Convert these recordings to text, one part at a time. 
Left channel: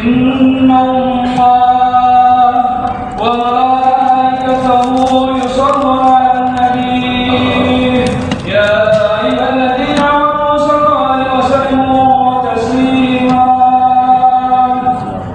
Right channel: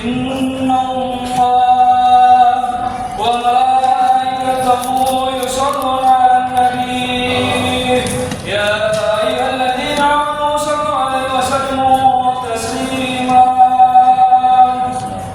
إن الله وملائكته يصلون على النبي يا أيها الذين آمنوا صلوا عليه وسلموا تسليما.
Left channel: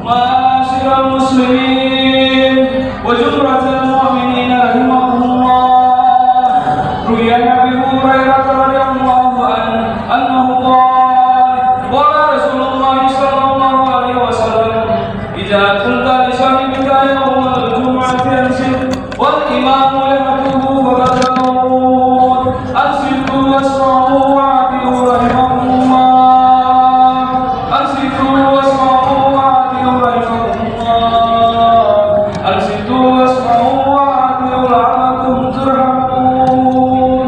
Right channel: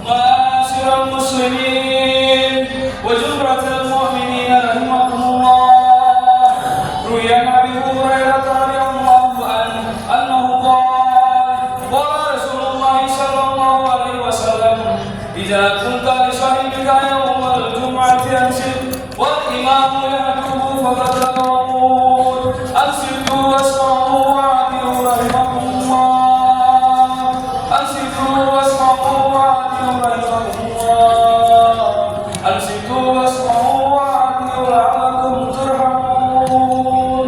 معاشر المسلمين وجمرة المؤمنين رحمكم الله، روي عن أبي هريرة رضي الله عنه أنه قال رسول الله صلى الله عليه وسلم: إذا كنت لصاحبك يوم الجمعة أنصت والإمام يخطب فغدروا أنصتوا واسمعوا وأطيعوا رحمكم الله. أنصتوا واسمعوا وأطيعوا رحمكم الله. أنصتوا واسمعوا وأطيعوا لعلكم ترحمون.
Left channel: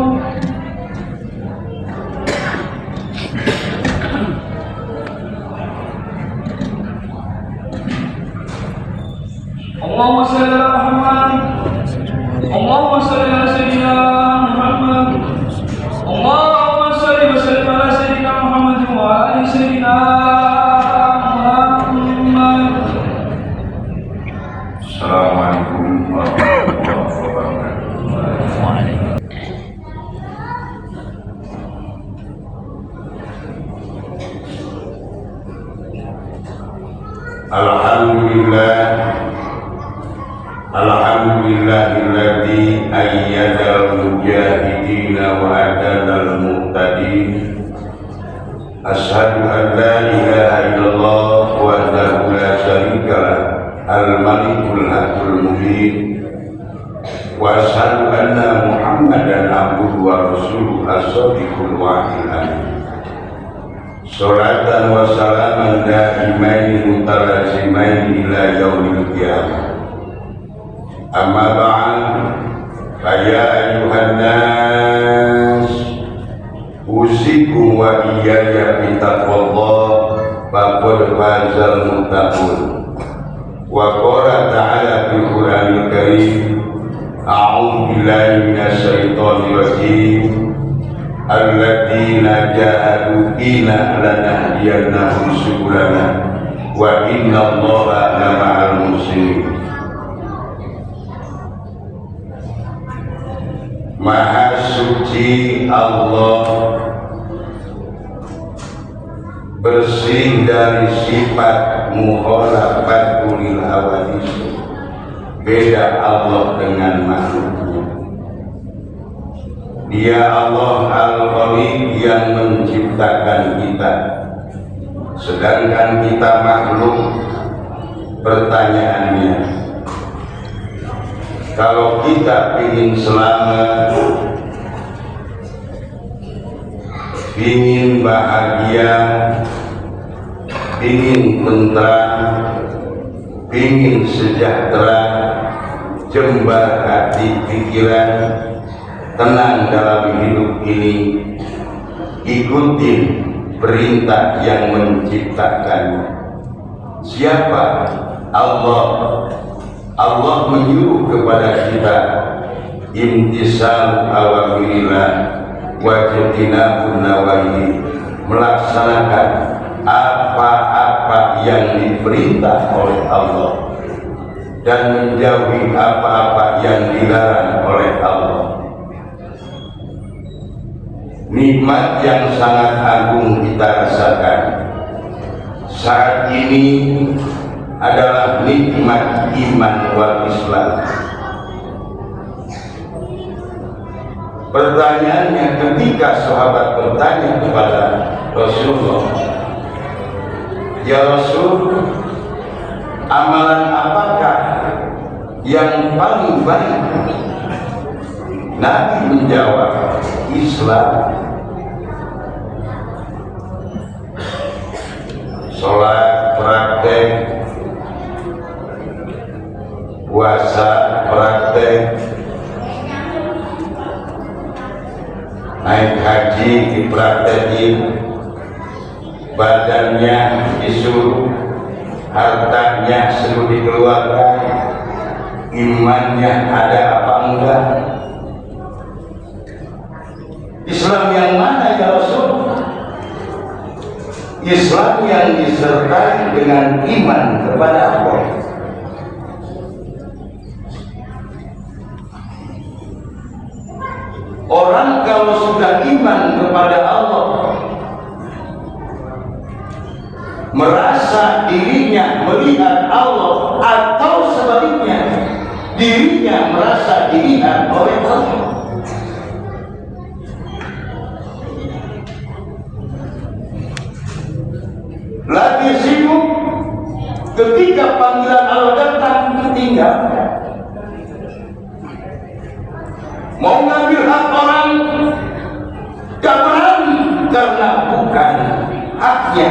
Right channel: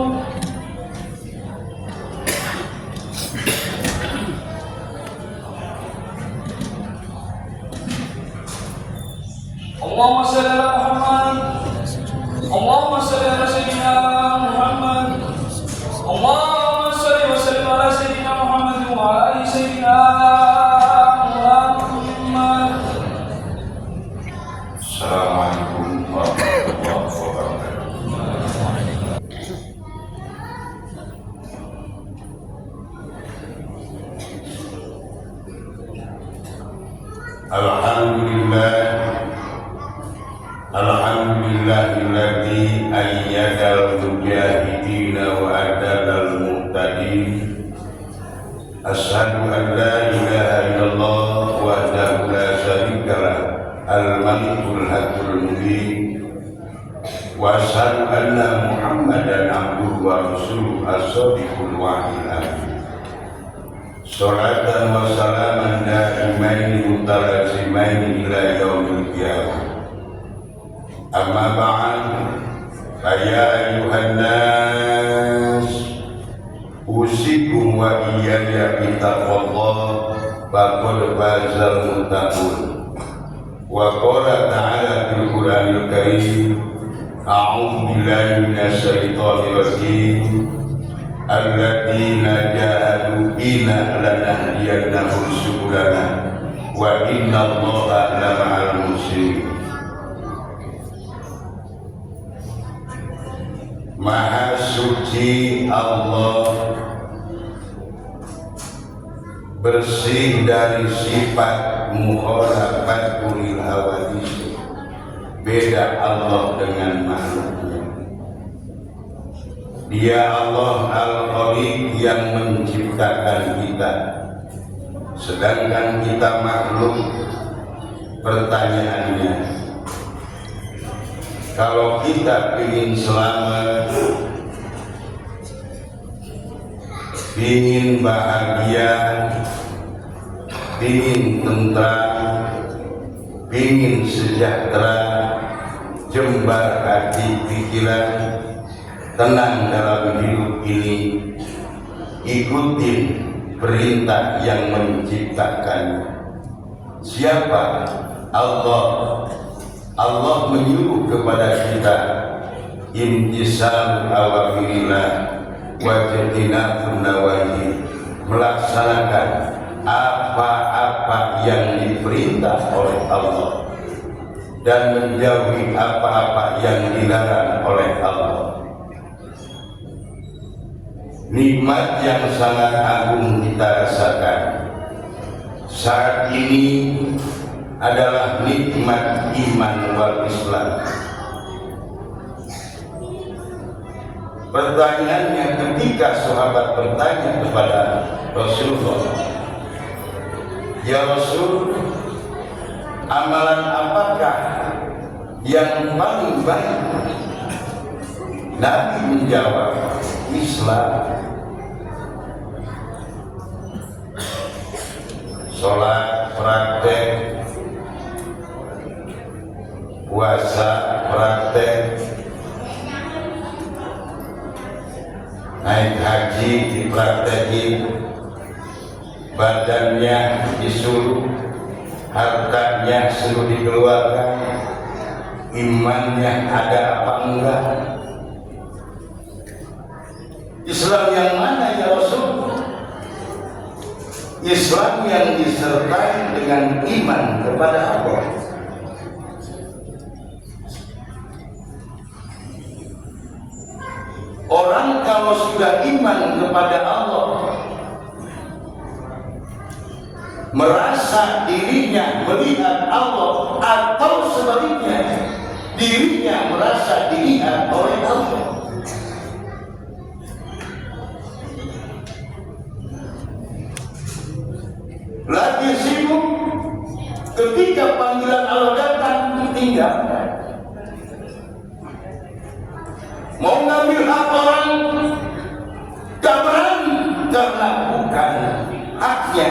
اللهم صل على محمد. اللهم صل على سيدنا محمد. اللهم صل وسلم على سيدنا محمد وعلى آل سيدنا محمد. Assalamualaikum warahmatullahi wabarakatuh. Alhamdulillahilladzi ayyadal mujahidina wa adalal muhtadin. Asyhadu an la ilaha illallah wahdahu la syarika lah, al-malikul haqqul mubin. Wa asyhadu anna Muhammadan abduhu wa rasuluhu as-sadiqul wa'dil amin. Sholatan wa salaman da'imaini mutalazimaini ila yaumil qiyamah. Amma ba'd, fa ya ayyuhan nas, usikum wa iyaya bitaqwallah, faqad fazal muttaqun. Wa qala ta'ala fil Qur'anil Karim, a'udzu billahi minasy syaithanir rajim. Alladzina jahadu fina lanahdiyannahum subulana wa innallaha lama'al muhsinin. Maha suci Allah, bersih dari sifat mukhalafatul hawadis. Beda Allah dengan makhluknya. Dia Allah Al-Khaliq yang menciptakan kita, sedangkan kita makhluk. Pertanyaannya, kalau kita ingin selamat, ingin bahagia, ingin tentram, ingin sejahtera, jembar hati pikiran, tenang dalam hidup ini, ikutin perintah yang menciptakannya. Siapa? Allah. Allah menyuruh kepada kita imtisal awamirillah wa jinabun nawahi, melaksanakan apa-apa yang diperintah oleh Allah dan menjauhi apa-apa yang dilarang oleh Allah. Nikmat yang sangat agung kita rasakan saat ini adalah nikmat iman wal Islam. Pertanyaannya, ketika sahabat bertanya kepada Rasulullah, "Ya Rasul, amalan apakah yang paling baik?" Nabi menjawab, "Islam." Sholat praktek, puasa praktek, naik haji dipraktekin, badannya disuruh, hartanya suruh dikeluarkan, imannya ada apa enggak? Islam yang mana ya Rasul? Islam yang disertai dengan iman kepada Allah. Orang kalau sudah iman kepada Allah, merasa dirinya melihat Allah, atau sebaliknya dirinya merasa dilihat oleh Allah. Lagi sibuk, ketika panggilan Allah datang ditinggalkan. Mau ngambil hak orang, gak berani karena bukan haknya.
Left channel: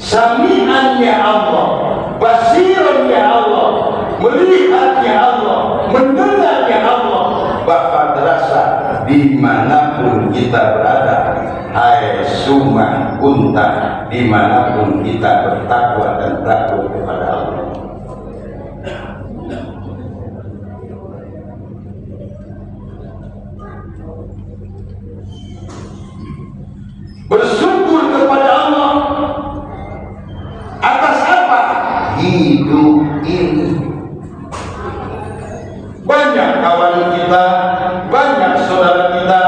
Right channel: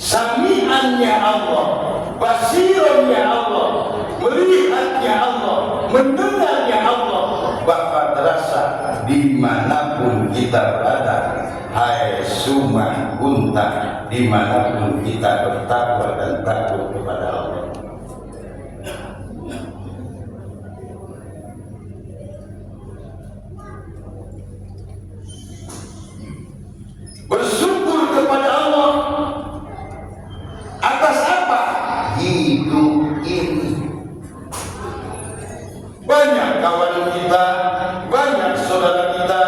Sami'annya Allah, basirannya Allah, melihatnya Allah, mendengarnya Allah, bakal terasa dimanapun kita berada. Hai summa kunta, dimanapun kita bertakwa dan takut kepada Allah. Bersyukur kepada Allah atas apa? Hidup ini. Banyak kawan kita, banyak saudara kita,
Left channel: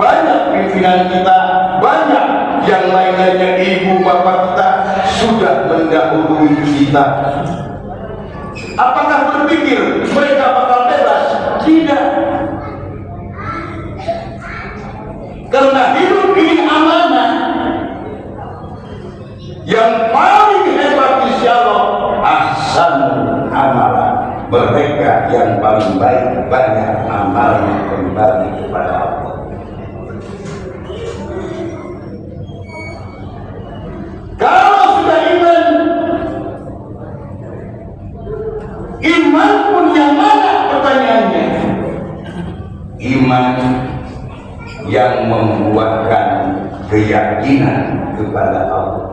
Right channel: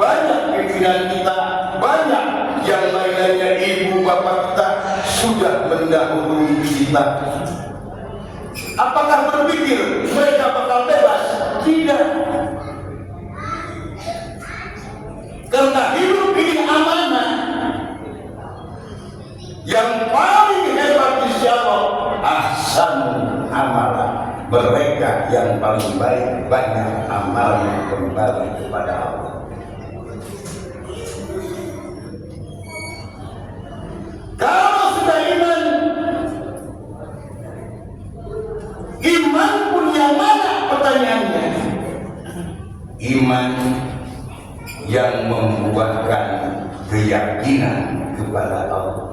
banyak pimpinan kita, banyak yang lain-lainnya, ibu bapak kita sudah mendahului kita. Apakah berpikir mereka bakal bebas? Tidak. Karena hidup ini amanah. Yang paling hebat insya Allah ahsanul amalan, mereka yang paling baik banyak amalnya kembali kepada Allah. Kalau sudah iman, iman pun yang mana pertanyaannya? Iman yang membuahkan keyakinan kepada Allah.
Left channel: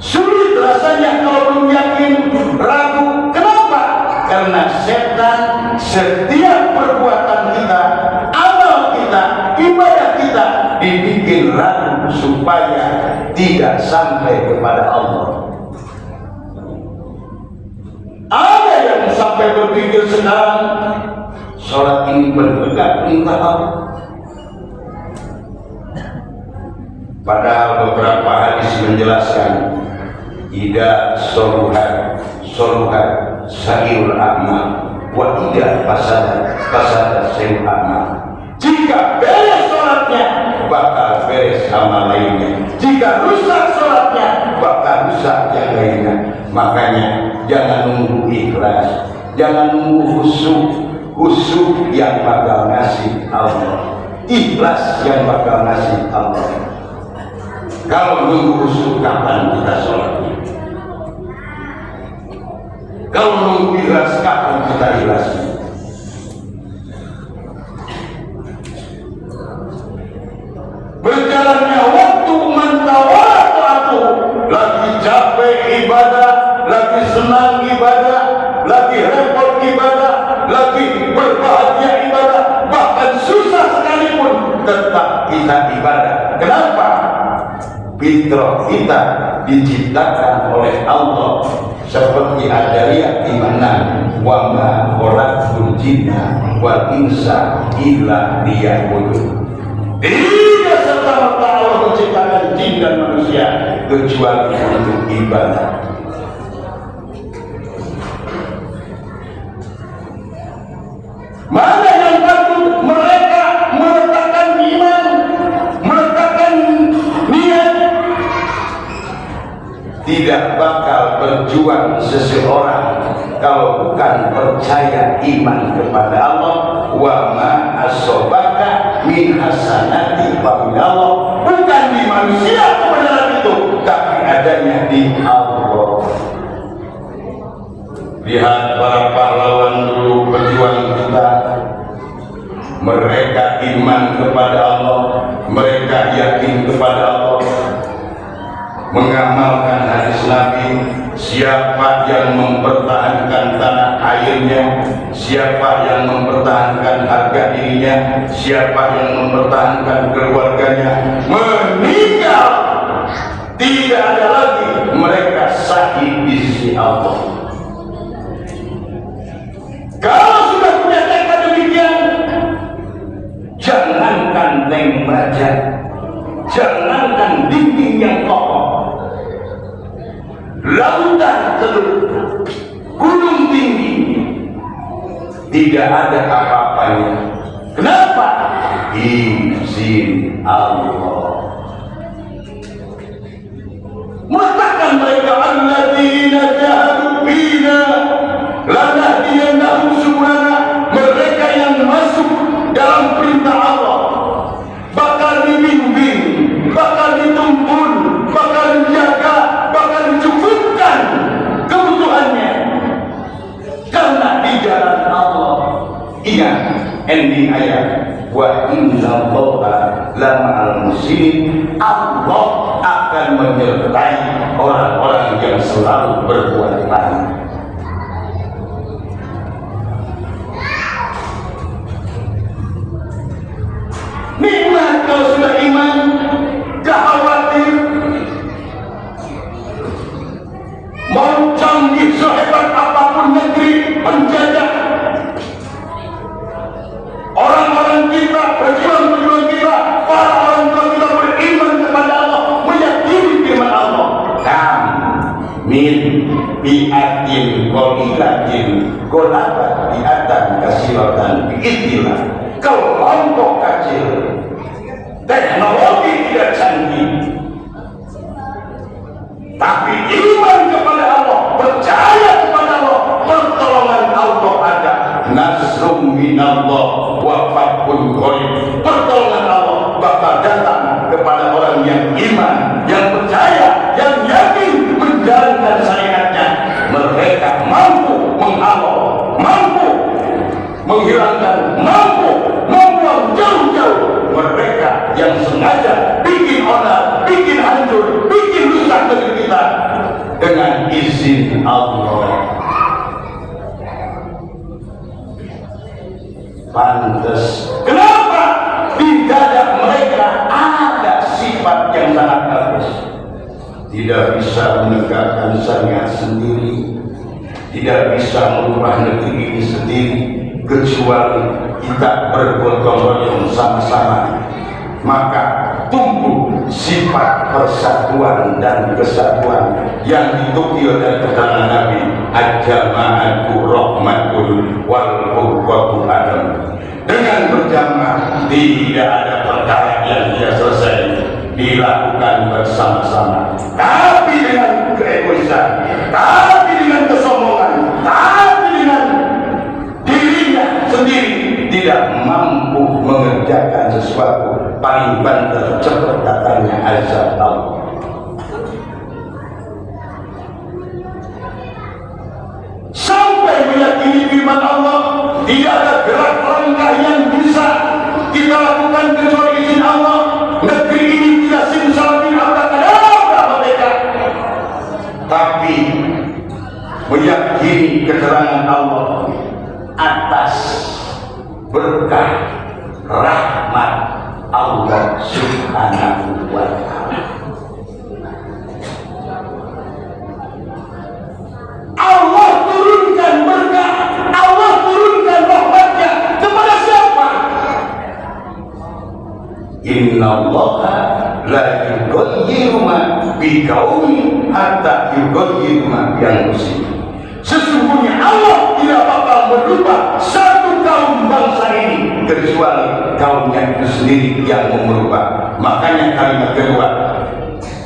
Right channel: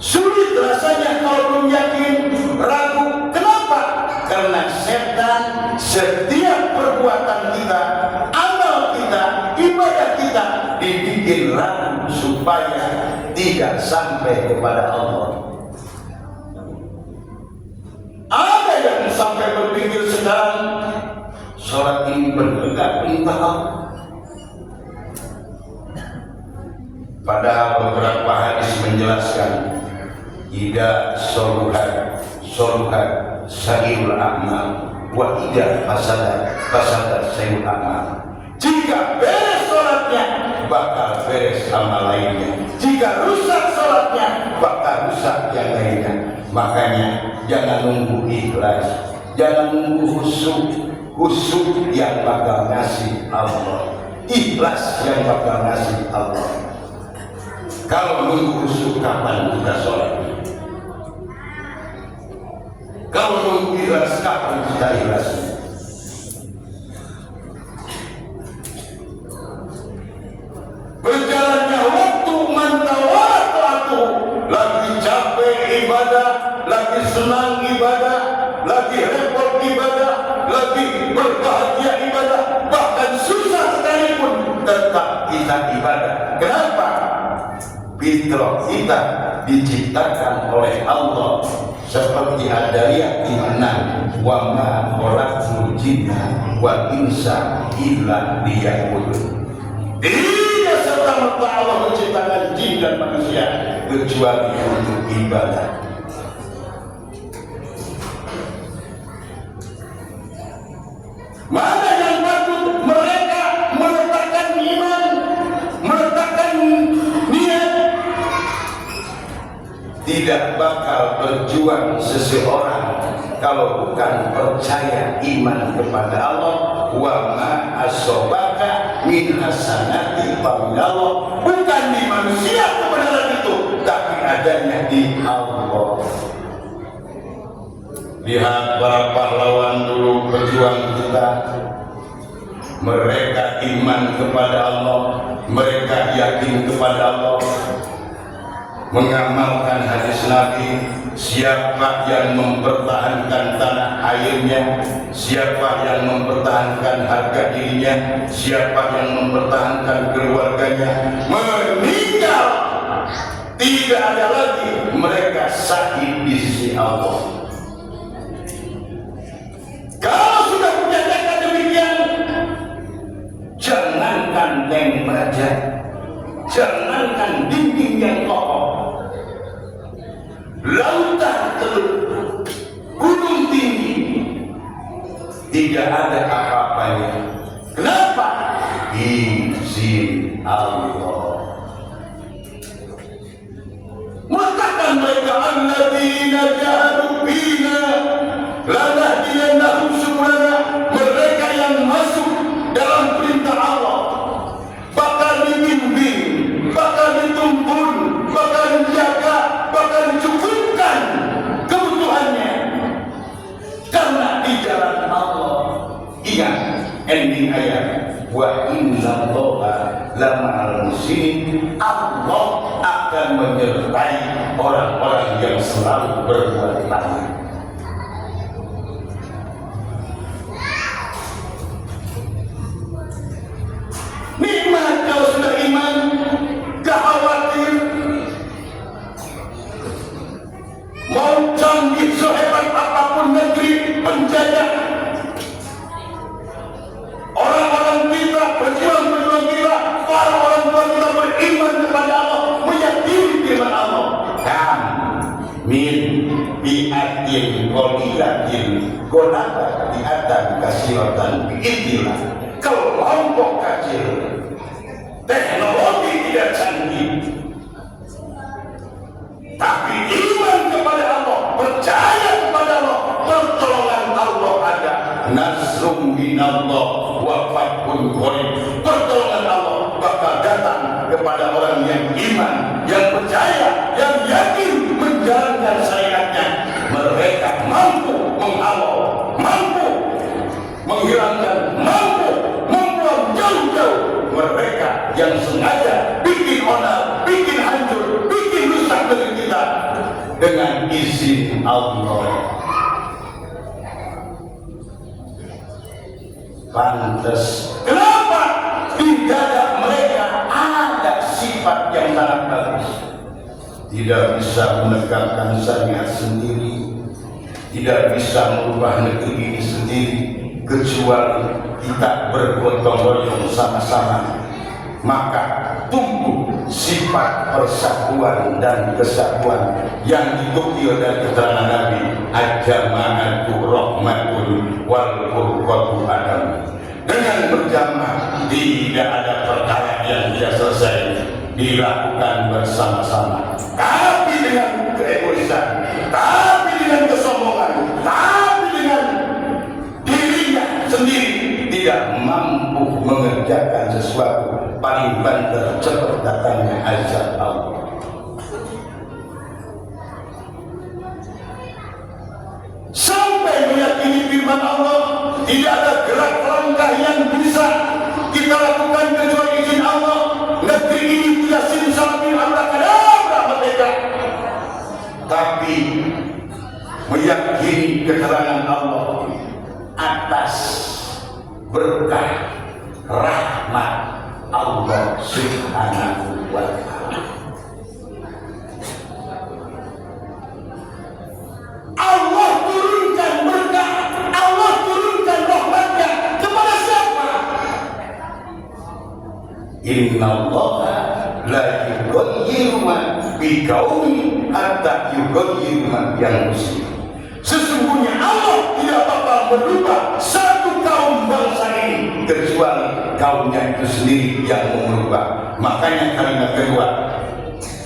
Sulit rasanya kalau belum yakin, ragu. Kenapa? Karena setan setiap perbuatan kita, amal kita, ibadah kita dibikin ragu supaya tidak sampai kepada Allah. Ada yang sampai berpikir sedang sholat ini benar perintah Allah. Padahal beberapa hadis menjelaskan ida soluhat sayul amal wa ida fasada sayul amal. Jika beres sholatnya bakal beres amal lainnya, jika rusak sholatnya bakal rusak yang lainnya. Makanya jangan nunggu ikhlas, jangan nunggu khusyuk yang bakal ngasih Allah, ikhlas yang bakal ngasih Allah. Kalau nunggu khusyuk, kapan kita sholat? Kalau nunggu ikhlas, kapan kita ikhlas? Berjalannya waktu mentawatu, lagi capek ibadah, lagi senang ibadah, lagi repot ibadah, lagi berbahagia ibadah, bahkan susah sekalipun tetap kita ibadah. Kenapa? Fitrah kita diciptakan oleh Allah seperti Ad-Dariyat di mana wa ma khalaqtul jinna wal insa illa liya'budun. Tidak serta-merta Allah menciptakan jin dan manusia kecuali untuk ibadah. Mana yang takut? Mereka meletakkan iman, meletakkan niat. Tidak bakal berjuang seseorang kalau bukan percaya iman kepada Allah. Wa ma asobaka min hasanati faminallah. Bukan di manusia kebenaran itu, tapi adanya di Allah. Lihat para pahlawan dulu berjuang kita. Mereka iman kepada Allah, mereka yakin kepada Allah, mengamalkan hadis Nabi. Siapa yang mempertahankan tanah air akhirnya siapa yang mempertahankan harga dirinya, siapa yang mempertahankan keluarganya, meninggal, tidak ada lagi mereka syahid di sisi Allah. Kalau sudah menyatakan demikian, jangankan tank baja, jangankan dinding yang kokoh, lautan teluk, gunung tinggi, tidak ada apa-apanya. Kenapa? Izin Allah. Mengatakan mereka alladzina jahadu fina lanahdiyannahum subulana, mereka yang masuk dalam perintah Allah bakal dibimbing, bakal dituntun, bakal dijaga, bakal dicukupkan kebutuhannya karena di jalan Allah. Ingat ending ayat, wa innallaha lama'al muhsinin, Allah akan menyertai orang-orang yang selalu berbuat baik. Nikmat kalau sudah iman, gak khawatir mau canggih sehebat apapun negeri penjajah. Orang-orang kita, pejuang-pejuang kita, para orang tua kita beriman kepada Allah, meyakini firman Allah. Kam min bi'atin qolilatin golabat bi'atan kasiratan bi'idillah. Kelompok kecil, teknologi tidak canggih, tapi iman kepada Allah, percaya kepada Allah, pertolongan Allah ada. Nasrum minallah wa fathun qarib. Pertolongan Allah bakal datang kepada orang yang iman, yang percaya, yang yakin menjalankan syariatnya. Mereka mampu menghalau, mampu menghilangkan, mampu membuang jauh-jauh mereka yang sengaja bikin onar, bikin hancur, bikin rusak negeri kita dengan izin Allah. Pantas. Kenapa? Di dada mereka ada sifat yang sangat bagus. Tidak bisa menegakkan syariat sendiri, tidak bisa mengubah negeri ini sendiri, kecuali kita bergotong royong sama-sama. Maka tumbuh sifat persatuan dan kesatuan yang diukir dari keterangan Nabi, al-jama'atu rahmatun wal furqatu adam. Dengan berjamaah tidak ada perkara yang tidak selesai dilakukan bersama-sama, tapi dengan keegoisan, tapi dengan kesombongan, tapi dengan dirinya sendiri tidak mampu mengerjakan sesuatu, paling banter cepat datangnya azab Allah. Sampai meyakini firman Allah, tidak ada gerak langkah yang bisa kita lakukan kecuali izin Allah. Negeri ini tidak simsalabim abrakadabra merdeka, tapi meyakini keterangan Allah atas berkah rahmat Allah Subhanahu wa ta'ala. Allah turunkan berkah, Allah turunkan rahmatnya kepada siapa? Innallaha la yughayyiru ma biqaumin hatta yughayyiru ma bi anfusihim. Sesungguhnya Allah tidak bakal merubah satu kaum bangsa ini kecuali kaumnya itu sendiri yang merubah. Makanya kalimat kedua,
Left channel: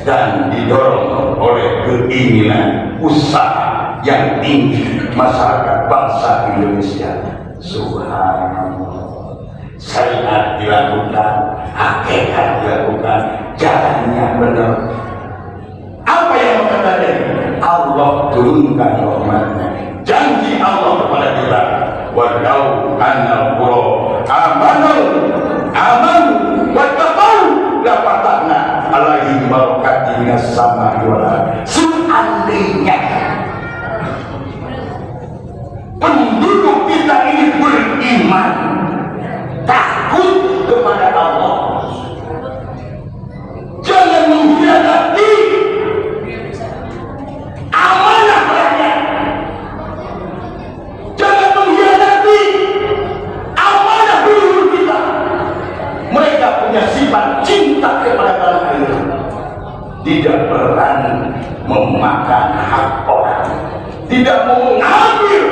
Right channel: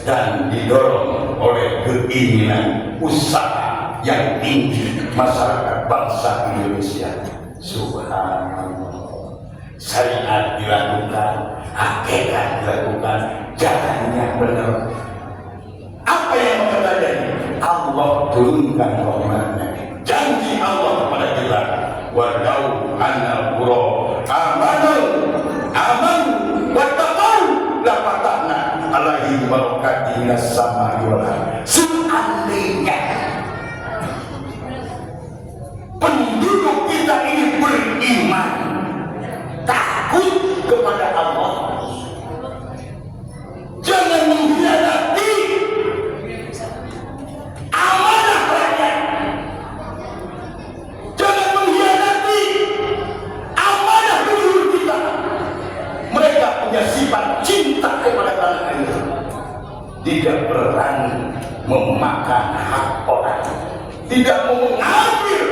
dan didorong oleh keinginan usaha yang tinggi masyarakat bangsa Indonesia. Subhanallah. Syariat dilakukan, hakikat dilakukan, jalannya benar. Apa yang terjadi? Allah turunkan rahmatnya. Janji Allah kepada kita, walau annal qura amanu wattaqau la fatahna alaihi barakatin minas samai wal ardh. Seandainya penduduk memakan hak orang, tidak mau mengambil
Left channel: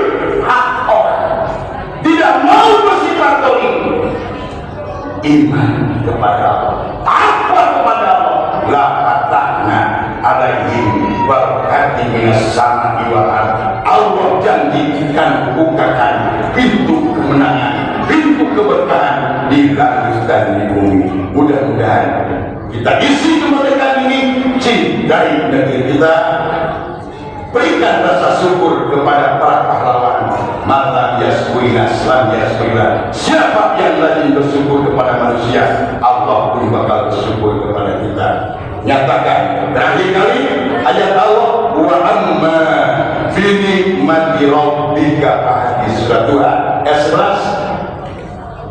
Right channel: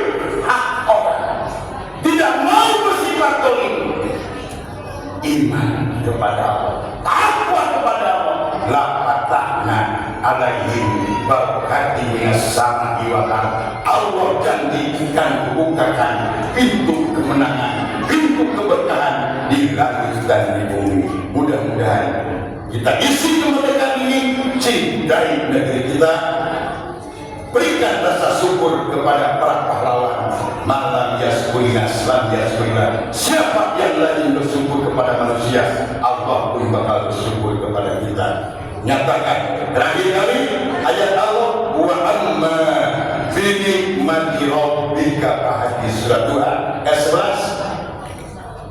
hak orang, tidak mau bersifat dolim. Iman kepada Allah, takwa kepada Allah. La fatahna alaihim barakati minas sama'i wal ardh. Allah janjikan bukakan pintu kemenangan, pintu keberkahan di langit dan di bumi. Mudah-mudahan kita isi kemerdekaan ini, cintai negeri kita, berikan rasa syukur kepada para pahlawan. Mata yaskuina, selam yaskuina. Siapa yang lagi bersyukur kepada manusia, Allah pun bakal bersyukur kepada kita. Nyatakan terakhir kali ayat Allah, wa amma bi ni'mati rabbika fahaddits. Surat 2 ayat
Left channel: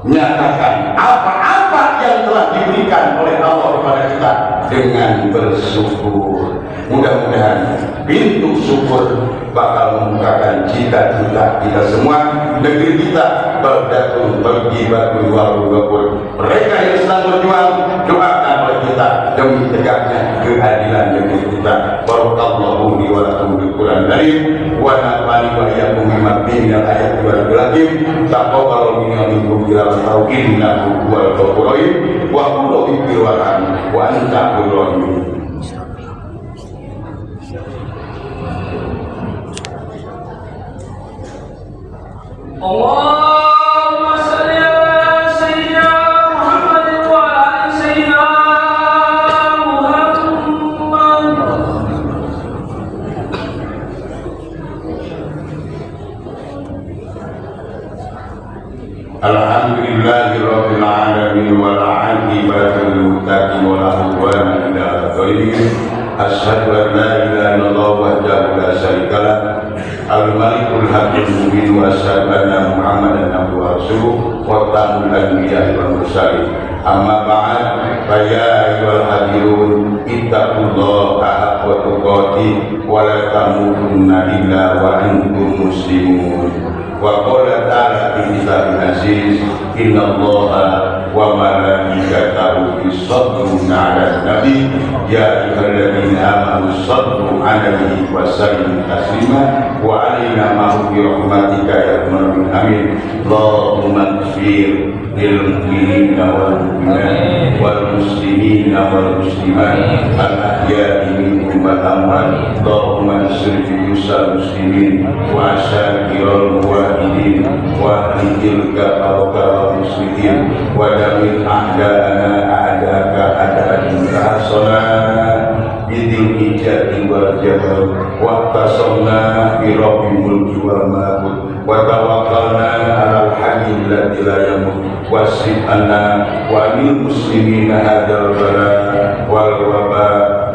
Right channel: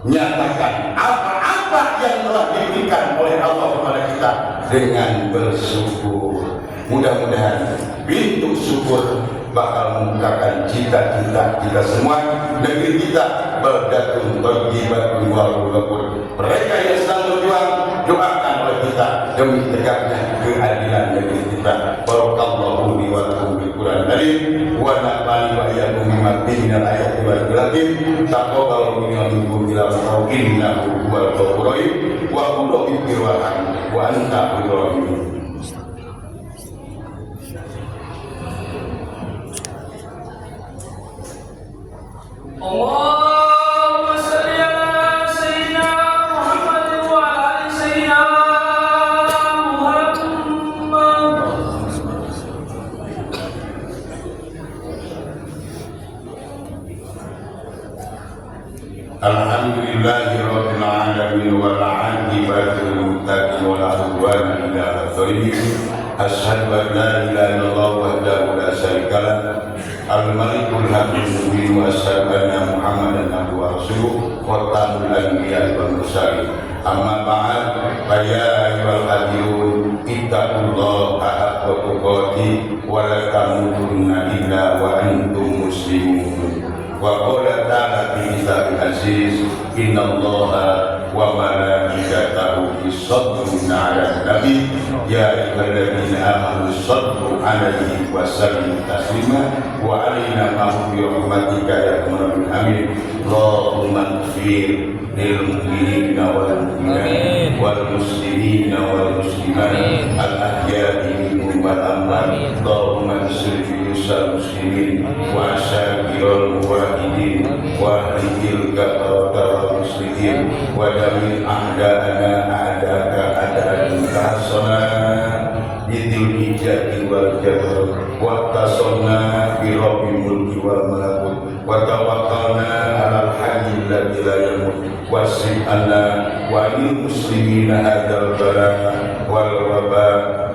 11. Nyatakan apa-apa yang telah diberikan oleh Allah kepada kita dengan bersyukur. Mudah-mudahan pintu syukur bakal membukakan cita-cita kita semua. Negeri kita baldatun thayyibatun wa ghafur. Mereka yang sedang berjuang, doakan oleh kita demi tegaknya keadilan negeri kita. Barakallahu li wa lakum bil Qur'an karim wa nafa'ani wa iyyakum bima fihi minal ayati wal hikmah. Taqabbalu minna wa minkum tilawatahu innahu huwal ghafurur rahim wa qulu bi wa anta rahim. Allahumma salli ala sayyidina Muhammad wa ala ali sayyidina Muhammad. Alhamdulillahi rabbil alamin wal 'aqibatu lil muttaqin wa la udwana illa 'alal zalimin. Asyhadu an la ilaha illallah wahdahu la syarika lah, al-malikul haqqul mubin, wa asyhadu anna Muhammadan abduhu wa rasuluh wa khatamul anbiya'i wal mursalin. Amma ba'd, fa ya ayyuhal hadirun ittaqullaha haqqa tuqatih wa la tamutunna illa wa antum muslimun. Wa qala ta'ala fi kitabil aziz, innallaha wa malaikatahu yusholluna 'alan nabi ya ayyuhalladzina amanu shollu 'alaihi wa sallimu taslima wa 'alaina ma'hu bi rahmatika ya arhamar rahimin. Allahumma ighfir lil mu'minina wal mu'minat wal muslimina wal muslimat al ahya'i minhum wal amwat. Allahumma ansur juyusal muslimin wa asyairul muwahhidin wa ahlikil kafaratal muslimin wa damil a'da'ana a'da'aka a'da'an tahassalan bidil ijati wal jabal wa tasamna bi rabbil mulki wal malakut wa tawakkalna alal hayyil ladzi la yamut wasrif anna wa lil muslimina hadzal bala wal waba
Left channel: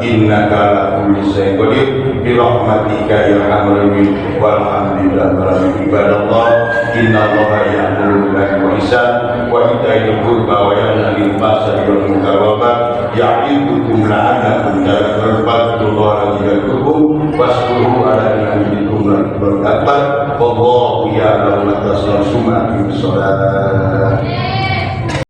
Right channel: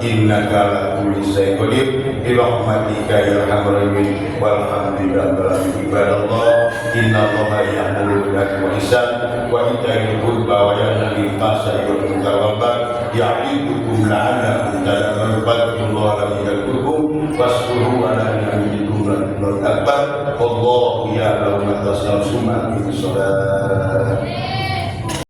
innaka ala kulli syai'in qadir bi rahmatika ya arhamar rahimin. Walhamdulillahi rabbil alamin. Ibadallah, innallaha ya'muru bil 'adli wal ihsan wa ita'i dzil qurba wa yanha 'anil fahsya'i wal munkari wal baghi ya'idukum la'allakum tadhakkarun. Fadhkurullaha alladzi yadhkurukum washkuruhu 'ala ni'amihi yazidukum wa akbar. Wallahu ya'lamu ma tasna'un. Summa aqimish shalah.